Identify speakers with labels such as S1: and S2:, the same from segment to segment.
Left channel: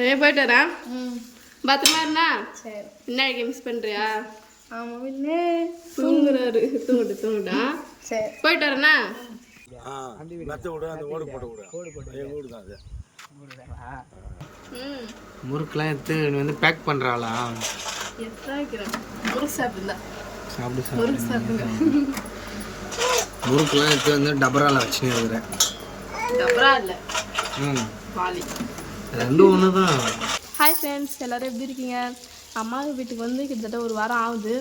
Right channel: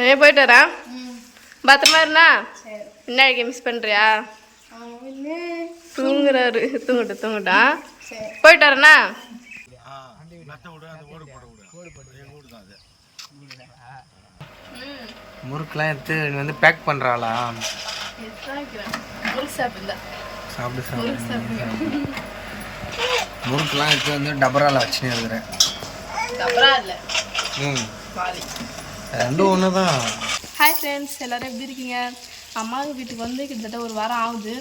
S1: நிறைய போயிட்டு வரேன். பத்திரமா இருந்தா? என்ன மிஸ் பண்ணுறியா தூங்குறாரு. தூங்கட்டு தூங்கட்டான்
S2: சரி.
S1: போயிட்டு வரேண்ணா
S3: மெத்த விடு அந்த ஓடு போட்டு விடு. எங்கள் வீடு தான் அது.
S1: ம்.
S4: முறுக்கெல்லாம் எடுத்து நீ வந்து பேக் பண்ணுறாளா சாப்பிடு சாப்பிடு. முறுக்கெல்லாம் எடுத்து வந்து டபரால வச்சுன்னு இருக்கிறேன்.
S1: அப்புறம் இல்லை.
S4: ம். ரெண்டும் ஒன்று தான்
S1: ஹாய் ஃப்ரெண்ட்ஸ் எல்லோரும் எப்படி இருக்கீங்க? அம்மா வீட்டுக்கு வந்து கிட்டத்தட்ட ஒரு வாரம் ஆகுது.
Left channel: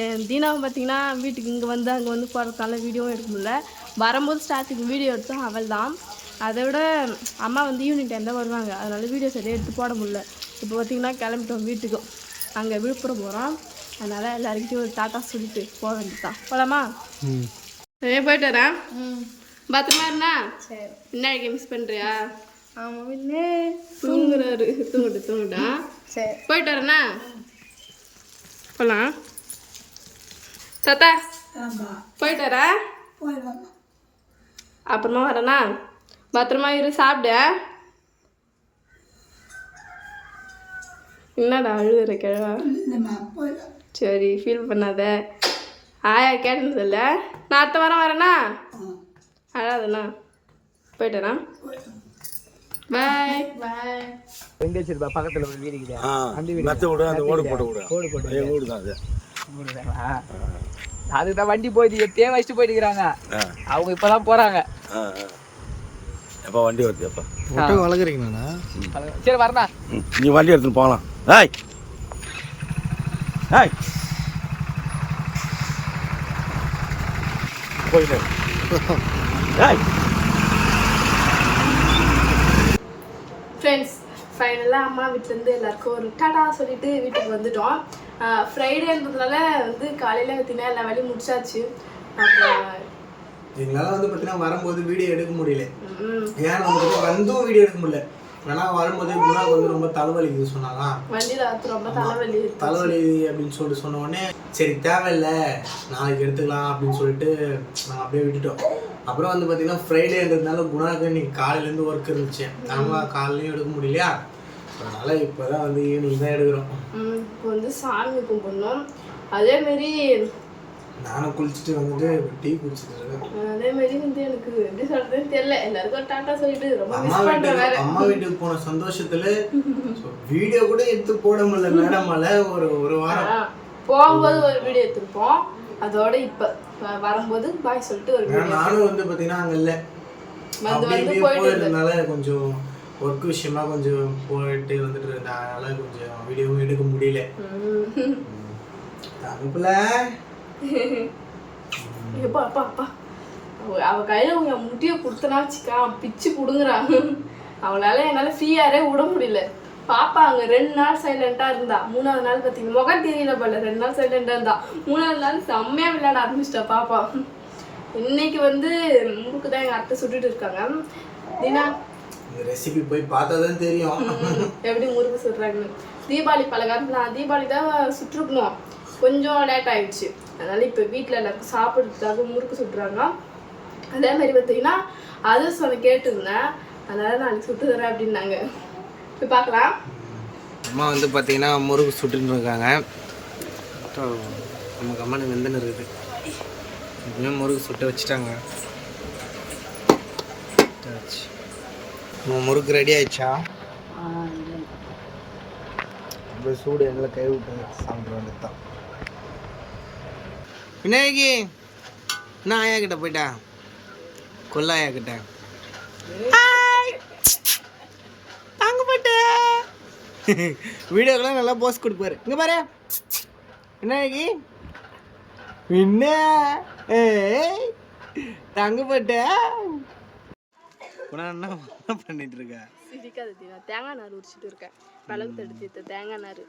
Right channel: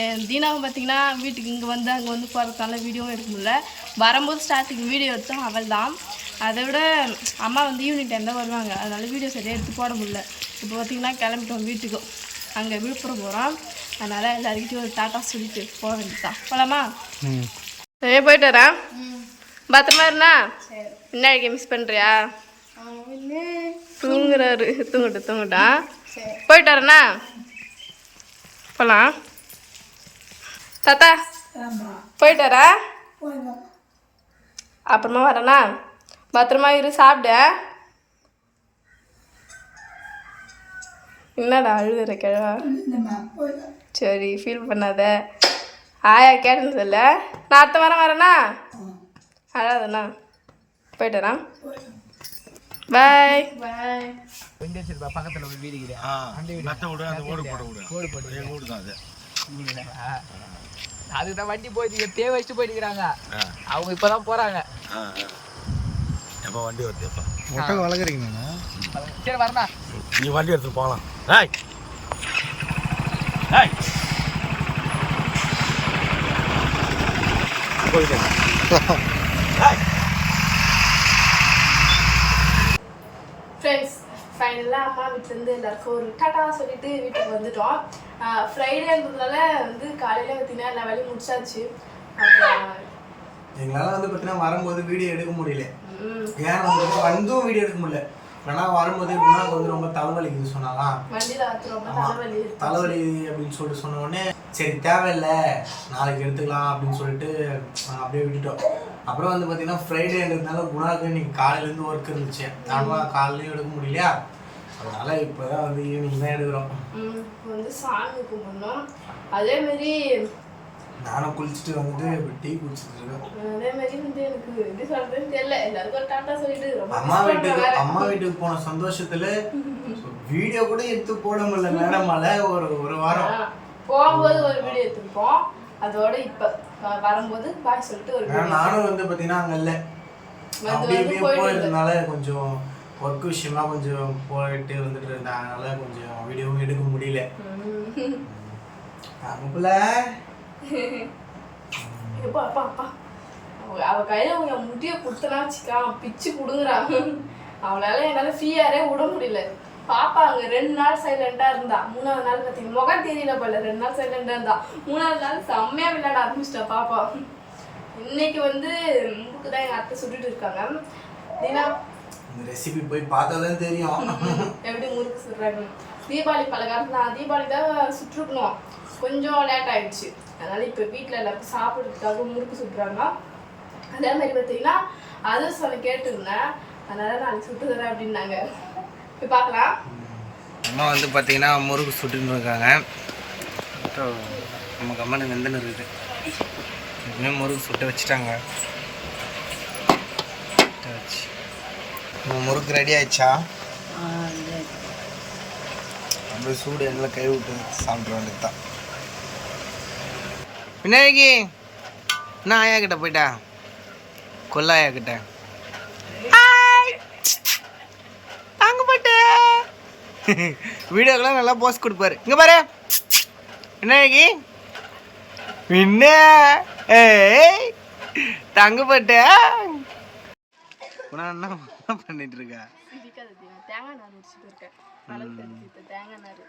S1: அஹ் தீனாவும் பார்த்தீங்கன்னா வீட்டுக்கு இங்கே வந்து அங்கே வந்து போகிறதுனால வீடியோவும் எடுக்க முடியல. வரும்போது ஸ்டார்டிங் வீடியோ எடுத்தோம் அவள் தான் அதை விட அம்மா வந்து ஈவினிங் டைம் தான் வருவாங்க. அதனால வீடியோ சரியாக எடுத்து போட முடியல. இப்போ பார்த்தீங்கன்னா கிளம்பிட்டோம் வீட்டுக்கு. அங்கே விழுப்புரம் போகிறோம் அதனால் எல்லாருக்கிட்டையும் ஒரு டாட்டா சொல்லிட்டு போக வேண்டியதுதான். போகலாமா நிறைய போயிட்டு வரேன். பத்திரமா இருந்தா? என்ன மிஸ் பண்ணுறியா தூங்குறாரு. தூங்கட்டு தூங்கட்டான்
S2: சரி.
S1: போயிட்டு வரேண்ணா போகலாம் தாத்தா போயிட்டு வரா அப்புறமா வரேண்ணா. பத்திரமா இரு சாப்பிடு. என்னடா அழுகுற கிழவா? சரி ஃபீல் பண்ணாத. ஆயா கேட்டதில்ல நான் அடுத்த வாரம் வரேண்ணா? அழாதண்ணா போயிட்டு வரேன் பாய்
S2: பாய்
S4: ரெண்டு வச்சிருப்பா பக்கத்தில் ஒரு வீடு இருக்குது.
S3: ஆ மெத்த விடு அந்த ஓடு போட்டு விடு.
S4: ஓடு போட்டு
S3: எங்கள் வீடு. தான் அது.
S4: அதுதான் வண்டி போயிட்டு எப்பயே வச்சுட்டு போயிட்டுக்கிறாங்க. அவங்க இப்போதான் போகிறாங்க
S3: ஆ எப்போ வண்டி வருது எப்போ?
S4: ஒட்டகம் வளர்க்குறீங்களா சரி வரதா
S3: ம், நீ வண்டி எடுத்துன்னு போகலாம். ஏய். ஏய். போயிட்டு. ஏய்.
S1: ஃப்ரெண்ட்ஸ் ஃபைனலாக அம்மா வீட்டிலேருந்து எல்லாருக்கும் ஒரு டாடா சொல்லிட்டு வீட்டுக்கு வந்துட்டோம். ஃப்ரைடேன்றதுனால வந்து காலையில் பார்த்தீங்கன்னா எல்லா வேலையும் முடிச்சாச்சு. அப்புறம்
S5: எங்களால் வந்து பார்த்தீங்கன்னா வரும்போது வீடியோ எடுக்க முடியல. ஏன் வந்து வந்தும் வீடியோ எடுக்க முடியல. ஏன்னா வரும்போது குணாக்கு வந்து ரொம்ப சொன்னாங்க
S1: தலைவலி இருக்கு.
S5: தலைவலி அப்படின்னு சொல்லிட்டு சொன்ன உடனே சரி தேவையில்லை. நாளைக்கு எடுத்துக்கலாம் அப்படின்னு சொல்லிட்டு நாங்கள் அப்படியே விட்டுட்டோம். அப்புறம் வந்து பார்த்தீங்கன்னா ஃப்ரைடேன்றதுனால குணாக்கு இன்னைக்கு காலையிலேருந்து ஒர்க் இருந்துச்சு. ஆனால் காலையிலையும் எடுக்க முடியலையா? அதனால இப்போ தான் வந்து ஈவினிங் தான் எடுக்கிறோம்.
S1: இப்போ வந்து சாமி கும்பிடணும். அதேமாரி
S5: நானும் குளிச்சுட்டு வந்துட்டு டீ குடிச்சிட்டு இருக்கேன்.
S1: அதேமாரி வந்து எனக்கு எப்படி சொல்கிறதுன்னு தெரியல. எல்லாருக்கும் டாட்டா சொல்லிட்டு ரொம்ப
S5: அம்மா வீட்டுக்கு அம்மா வீட்டுக்கு போன சந்தோஷத்துல வீடியோ கூட எடுத்து போட முடியல. மேடமால ஒரு ஒரு வாரம்.
S1: போகும்போது ஒரு வீடியோ எடுத்திருப்போம். அதோட இப்போ வரும்போது பாய் சொல்லிட்டு ஒரு
S5: நானும் வந்து பாத்தீங்கன்னா அங்க இல்ல. போயிருந்தனால கொஞ்சம் ஒர்க் விஷயமா கொஞ்சம் போயிட்டு வந்துட்டு இருந்தேன் அதனால கொஞ்சம் வீடியோவும் எடுக்க முடியல.
S1: ம்.
S5: தங்கப்புல.
S1: எப்பா அப்பா அப்பா அவ அவ கையில உங்க முடிய கொடுத்தனா வச்சுக்கா பிச்சு புடுங்குறான் அவளால என்னால ஃப்ரீயாரே விட முடியல. பாப்பா அங்க ரெண்டு நாள் சைலண்டா இருந்தா. மூணாவது நாள் பாத்தீங்கன்னா முகம் தெரியல போல. ரெண்டு நாள் சைலண்டா இருந்தா. மூணாவது நாள் செம்மையா விளையாட ஆரம்பிச்சிட்டா பாப்பா. இன்னைக்கு வந்து முறுக்கு தான் எங்க அத்தை சுட்டுட்டு இருக்காங்க. தீனா
S5: இந்த ரெசிபி போய் பார்த்தாதான் தெரியும்.
S1: எப்படி முறுக்கு சுடுறாங்க தீபாவளி பலகாரம் நான் தீபாவளி தான் சுட்டுருக்கணும். கொஞ்சம் லேட் ஆயிடுச்சு. அதனால இப்போ வீட்டில் எல்லாருக்கும் சாப்பிட்றதுக்காக முறுக்கு சுடுறாங்க அதே மாதிரி பார்த்தீங்கன்னா அதர்ஸ் ஒன்று கேட்டிருந்தேன். அதனால நாளைக்கு சுட்டு தரேன் அப்படின்னாங்க. போய் பார்க்கலாம்.
S4: அம்மா வந்து பார்த்தீங்கன்னா முறுக்கு சுட்டுன்னு இருக்காங்க. நம்ம கம்மனு வெந்தன இருக்குது. எப்பவுமே முறுக்கு சுட்டு வச்சுட்டாங்க. நம்ம முறுக்கு ரெடி ஆயிடுச்சா? அப்படியே சூடு எண்ணெயில் கை விட்டு சாப்பிட வேண்டியதுதான். விநாயகி என்ன ஆயா கிட்ட போயிட்டா? கொல்லாயா கிட்ட தாங்க போட்டு வீடியோக்கெல்லாம் நல்லா போஸ்ட் கொடுப்பாரு. இங்க பாரு. விநாயகி என்ன ஏய் தங்க போட்ட உன என்ன பண்ணிட்டு இருக்க?
S1: தேங்காய் நார் உரிச்சிட்டு இருக்கேன். மிளகு தட்டு தீர்த்த தேங்காய் நார்.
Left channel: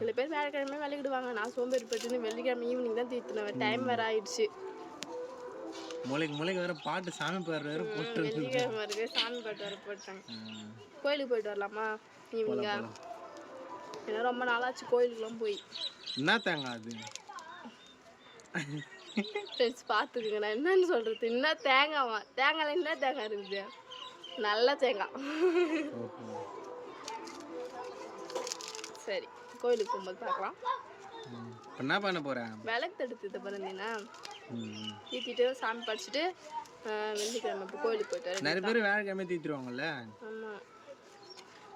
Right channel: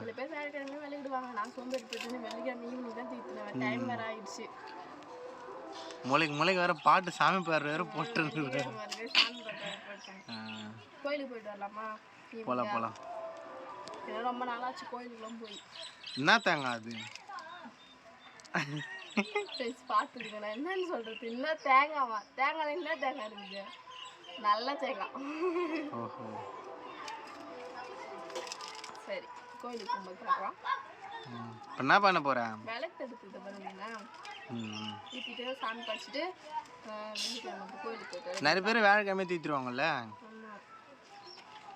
S1: சில பேர் வேலைக்கிழமை விளக்கிடுவாங்க நான் சோம்பேறி பட்டுன்னு வெள்ளிக்கிழமை ஈவினிங் தான் தீர்த்துனேன் டைம் வேற ஆயிடுச்சு.
S4: மூளைக்கு மூளைக்கு வேற பாட்டு சாமி பேர் வேற போட்டு
S1: சாமி பாட்டு வர போட்டாங்க. கோயிலுக்கு போயிட்டு வரலாமா?
S4: போலாம்
S1: ஏன்னா ரொம்ப நாளாச்சு கோயிலுக்குலாம் போய்.
S4: என்ன தேங்காய் அது?
S1: பார்த்துக்குங்க. நான் என்னன்னு சொல்கிறது இன்னும் தேங்காவா? தேங்காயில் என்ன தேங்காய் இருக்குது? நல்ல தேங்காய்
S4: ஓஹோ.
S1: சரி கோயிலுக்கு போகும்போது பார்க்கலாம்.
S4: இப்போ என்ன பண்ண போகிறேன்
S1: விளக்கு எடுத்து இது
S4: ம்.
S1: ஏற்றிட்டு சாமி படிச்சுட்டு வெள்ளிக்கிழமை இப்போ கோயிலுக்கு போயிட்டு
S4: நிறைய பேர் வேலைக்கிழமை தீத்துருவாங்கல்ல?
S1: ஆமாம்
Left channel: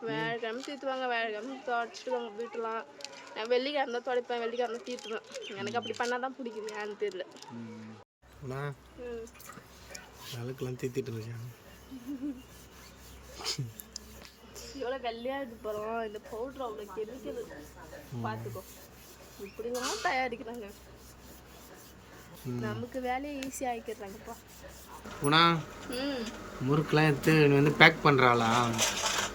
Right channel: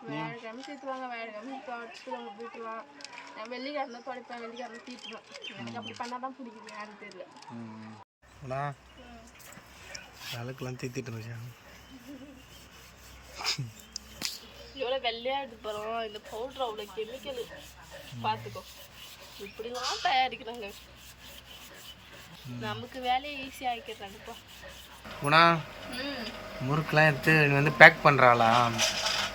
S1: வியாழக்கிழமை தீர்த்துவாங்க வியாழக்கிழமை தொடச்சிடுவாங்க வீட்டுலாம். நான் வெள்ளிக்கிழமை தான் துடைப்பேன் வெள்ளிக்கிழமை தீர்த்துவேன் எனக்கு அப்படி பண்ணால் தான் பிடிக்குது ஏன்னு தெரியல.
S4: ம்
S5: குணா விளக்கெல்லாம் தீத்திட்டு இருக்கேன்
S1: எவ்வளோ வெள்ளையாக எடுத்து போகிறோம் இந்த பவுட்ரு அவ்வளோ கெமிக்கல் பார்த்துக்கோ இப்படிலாம் தயாரிக்கிறாங்க. நமக்கு வேலையை ஈஸியாக ஆக்கிடுறாங்கப்பா.
S4: குணா
S1: ம்.
S4: முறுக்கெலாம் எடுத்து நீ வந்து பேக் பண்ணுறாளா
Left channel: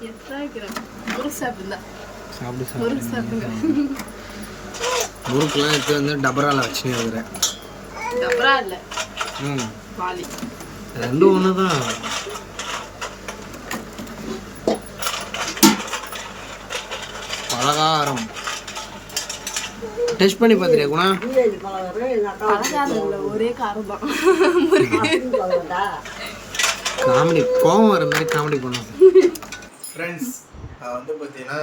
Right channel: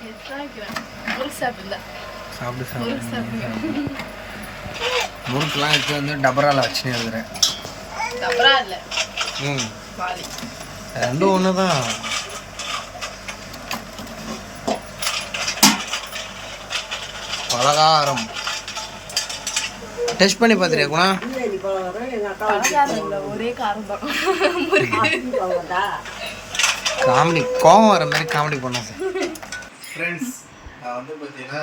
S1: எத்தனை ஆக்கிறேன் முறுக்கு சாப்பிடுந்தா
S4: சாப்பிடு.
S1: முறுக்கு
S4: சாப்பிடு
S1: சாப்பிடுங்க
S4: முறுக்கெலாம் எடுத்து வந்து டபரால வச்சுன்னு இருக்கிறேன்
S1: அப்புறம் இல்லை.
S4: ம். ரெண்டும் ஒன்று தான் பலகாரம். டெஸ்ட் பண்ணி பார்த்துறியா குணா?
S1: ஒரே காரம் தான்.
S4: காமெடி கோவம் வர மாதிரி காமெடி பண்ணாங்க
S5: ஃப்ரெண்ட்ஸ் வந்து பார்த்தீங்கன்னா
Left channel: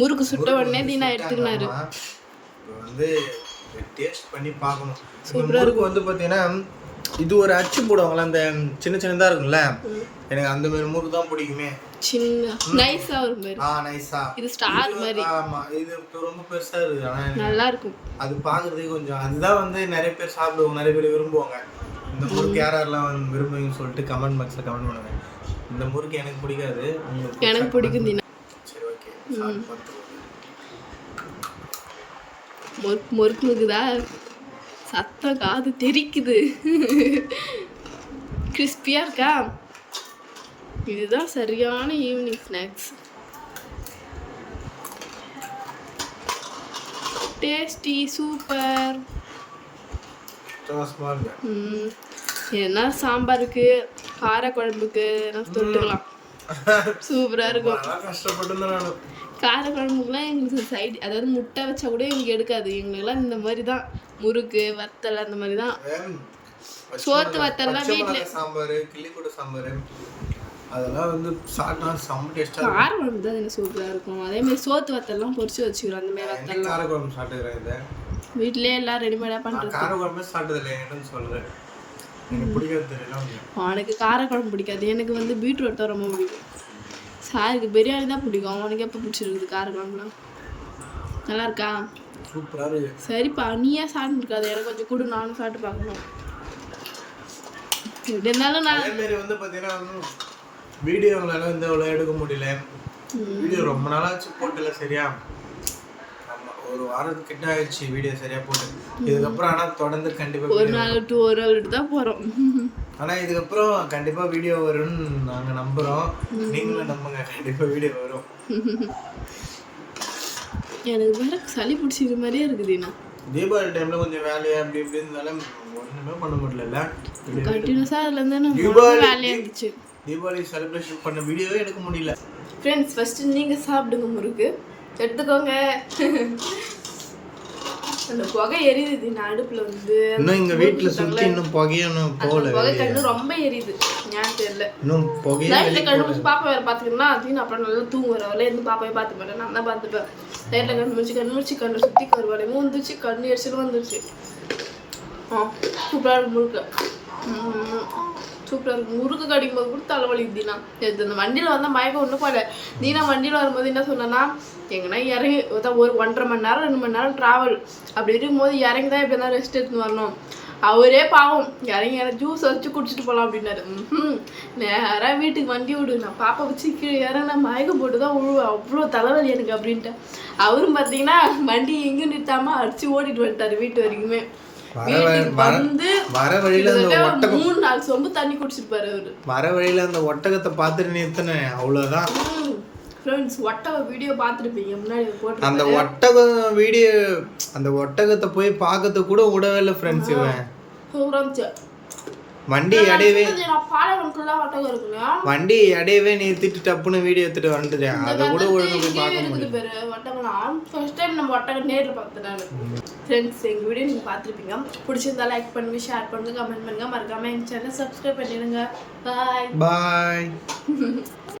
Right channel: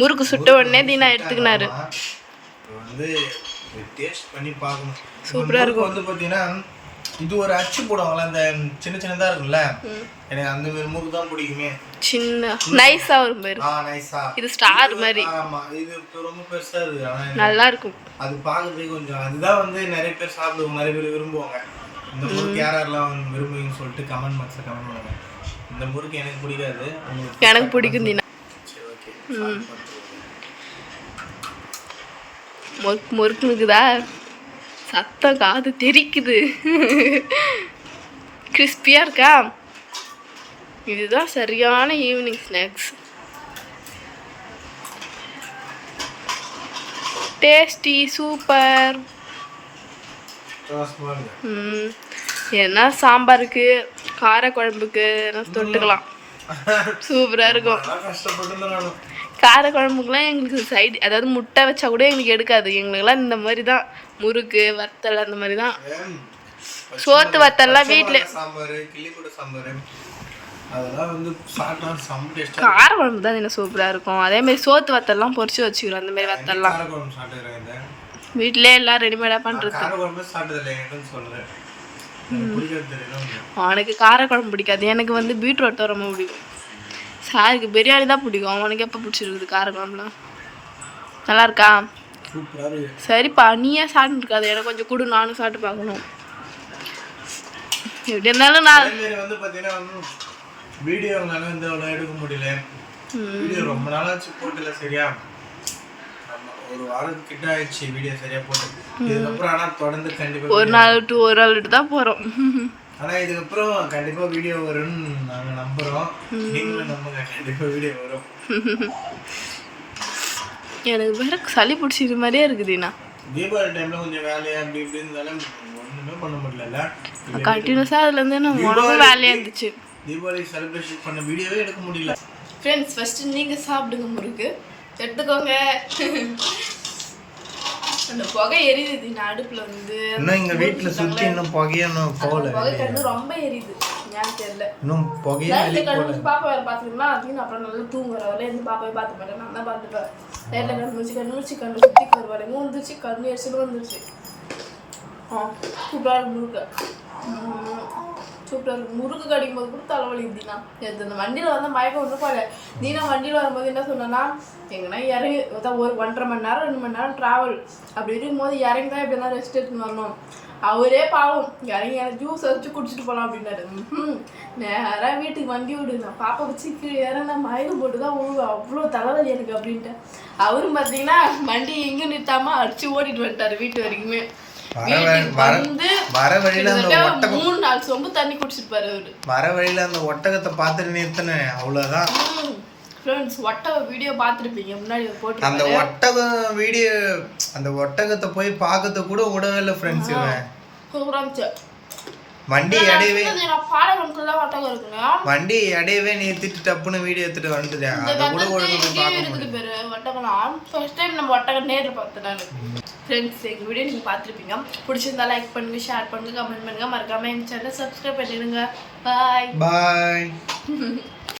S1: முறுக்கு சுட்ட உடனே தீனா எடுத்துக்கினாரு.
S5: இப்போ வந்து டேஸ்ட் பண்ணி பார்க்கணும்.
S1: சூப்பரா
S5: இருக்கும். வந்து பார்த்தீங்கன்னா இது ஒரு அச்சு போடுவாங்கல்ல அந்த சின்ன சின்னதாக இருக்கும்ல. எனக்கு அந்த மாதிரி முறுக்கு தான் பிடிக்குமே.
S1: சின்ன நைஸாக வரும் பேர்
S5: ஆ நைஸா
S1: இது ஸ்டார் மாதிரி.
S5: ஆமா இது ரொம்ப பெருசா இருக்கு ஆனா
S1: நல்லா இருக்கும்.
S5: அது பார்க்கறதுக்கு கொஞ்சம் அதுதான் வந்து நிறைய பேர் சாப்பிடுவாங்க நிறைய பேர் விரும்புவாங்க. இந்த முறுக்கு யார் யாரெல்லாம் விரும்புவீங்கன்னு சொல்லிட்டு கமெண்ட் பாக்ஸில் கமெண்ட் பண்ணுங்க. இந்த முறுக்கு எனக்கு பிடிக்காது.
S1: எனக்கு பிடிக்கும் தீனா.
S5: ஓகே.
S1: முறுக்கு முறுக்குனுக்குதா? சத்தம் காது தெரிக்குது. கிறிஸ்பியாக இருக்கா? இதுதான் சரியான ஈவினிங் ஸ்நாக்ஸ் டேஸ்டி சூப்பர் ம். என்ன சாம்பாருக்கு காரக்குழம்புக்கு எல்லாம் தொட்டுக்கலாம். சூப்பராக இருக்கும்.
S5: நான்
S1: காரக்குழம்புக்குலாம் எங்களுக்கு சைடு அதாவது முட்டை வச்சா கூட எங்களுக்கு எடுக்காது. எங்களுக்குலாம் இந்த மாதிரி தான். முறுக்கு வத்தல் அந்த மாதிரி தான். சோத்து வத்தல்லாம் வீட்டில்
S5: டேஸ்ட்டாக
S1: காரக்குழம்பு தான் என்ன சூப்பராக இருக்கும். அதே மாதிரி சோத்து வத்தல்லாம் பொரிச்சு வச்சுக்கிறோம் அந்த மாதிரி வத்தல்லாம். வீட்டிலே எல்லாம் ரெடிமேடாக பண்ணுறது அவனுக்கு காரக்குழம்பு பிடிக்காது. எனக்கு வந்து பீட்ரூட் தான் ரொம்ப பிடிக்கும். சாருக்கு பிரியாணி தான் பிடிக்கும். அவனுக்கு எப்போ பிடிச்சிருக்குது காரக்குழம்புலாம் நல்லா இருக்கா. சரிப்பா நீயே சாப்பிட்டு இருக்காது எனக்கு கொஞ்சம் கொடு நானும் சாப்பிட்டு பார்க்கணும். எப்படி இருந்தாலும் நான்
S5: வந்து பார்த்தீங்கன்னா எடுக்க முடியல. வீடியோ ரொம்ப நாளாச்சு போட்டல சரியா? ஒரு வாரத்துக்கு கிட்ட ஆயிடுச்சு வீடியோ சரியா போட்டு. இதுக்கப்புறம் ஆனால் தொடர்ந்து கண்டிப்பாக
S1: ஒரு நாள் விட்டு ஒரு நாள் விட்டு தான் போகிறோம்
S5: ஆனால் இதுக்கப்புறம் கண்டிப்பாக வீடியோ வரும்னு நாங்கள் நம்புகிறோம் நீங்களும் நம்புங்க கண்டிப்பாக வீடியோ வரும்.
S1: எனக்கு வேற சளி பிடிச்சிது மாதிரியே இருக்குதுண்ணா
S5: தீபாவளி டைமில் கொஞ்சம் வேலையா அப்படி இப்படி இருந்தாலும் ஒன்றுமே பண்ண முடியல
S1: கண்டினியூஸாக அதுலேருந்து நம்ம உடம்பு வேலையாக இருந்துச்சு.
S5: தீபாவளி செலிப்ரேஷன் பண்ண வீடியோவே எடுக்க முடியல.
S1: ஃப்ரெண்ட்ஸ் ஃபஸ்ட்டு நீங்கள் சாப்பிடுங்க முறுக்கு. எடுத்துக்கோங்க. அந்த புகை எரியுது நான் அடுப்பில் வந்து.
S5: இன்னும் எங்கள் வீட்டில் சுற்றி இன்னும் புகையணும் போகல
S1: புகை கண்ணு ரொம்ப எரியுது. ஏன்னு தெரியல.
S5: இன்னும் புகையே
S1: நைட்டில் கண்ணு பாப்பா வேறு பார்த்துக்கிட்டா அப்படின்னு அப்புறம் நல்லா தூங்குற வரல இருந்து பாப்பாவே பார்த்து மாட்டேன். நான் தான் பார்த்துப்பேன் நைட்டில் கண்ணு முடிச்சு கண்ணு முடிச்சு கண்ணு சுற்றி கருவாலையும் வந்துச்சு கண்ணு எரிச்சலும் வந்துருச்சு. ஆ சூப்பராக இருக்கு முறுக்கு சூப்பராக இருக்கும். முறுக்கு கடிக்கும் போது கூட தலைவலி தீனா நேற்று இந்த வண்டியில் வந்தால் மயக்கம் ஒன்றும் போல தீனா வண்டியில் வரும்போது என்ன சொன்னேன்னா எங்கன்னா இறங்கி அதான் ஒரு ஒன்றரை மணி நேரம் ரெண்டு மணி நேரம் ட்ராவல் அப்படி இருக்கும்போது இறங்கி தான் எப்படி தான் ரெஸ்ட் எடுத்துன்னு வரணும். அவரே பாவம். இறங்கி இறங்கி ஜூஸ் வச்சு குடிச்சிட்டு போகலாம் அப்படின்னாரு. ம் நேராக வீட்டுக்கு வண்டி விடு நான் பாப்பா வச்சு கீழே இறங்கினா மயக்கம் போட்டு தான் விழுவேன் அவ்வளோ தலைவலி எனக்கு அப்படின்ட்டு. அவரும் பார்த்தீங்கன்னா வண்டி எங்கேயும் நிறுத்தாமல் அடிச்சு ஓடிட்டு வந்துட்டாரு வீட்டு வரைக்குமே. வந்து
S5: வர வழியில அந்த ஒட்டகம்
S1: மூணு நாலு சொம்பு தண்ணி குடிச்சிருப்பாரு அவரு.
S5: வர வழியில அந்த ஒட்டகத்தை பார்த்துட்டு நிறுத்தினேன் அவ்வளோதான்
S1: ஃப்ரெண்ட்ஸ் ஒட்டக வீடியோ பார்த்துருப்பீங்க முன்னாடி போட்டு
S5: அந்த ஒட்டகம் வீடியோ அந்த ஒட்டகத்தை போய் பார்க்கறதுக்கு கூட விடவே இல்லை ஃப்ரெண்ட்ஸ் இவன். வண்டி
S1: பாலகனுக்குள்ள ஒட்டகம்
S5: வண்டி இடையவே நிறுத்திட்டு டப்புன்னு வீடியோ எடுத்துட்டு வந்துட்டேன். அதை கூட ஒழுங்கா போய் பார்க்க
S1: பேரு ஒட்டகம் ஃபர்ஸ்ட் டைம் நம்ம ஒட்டகம் நேரில் பார்த்தேன் ஃப்ரெண்ட்ஸ் எங்கள் வீடியோ நீங்கள் பார்த்துருப்பீங்க. பிடிச்சிருந்தா லைக் பண்ணுங்க ஷேர் பண்ணுங்க கமெண்ட் பண்ணுங்க. மறக்காம எங்கள் சேனல் சப்ஸ்கிரைப் பண்ணிடுங்க. பாய்
S5: பாய்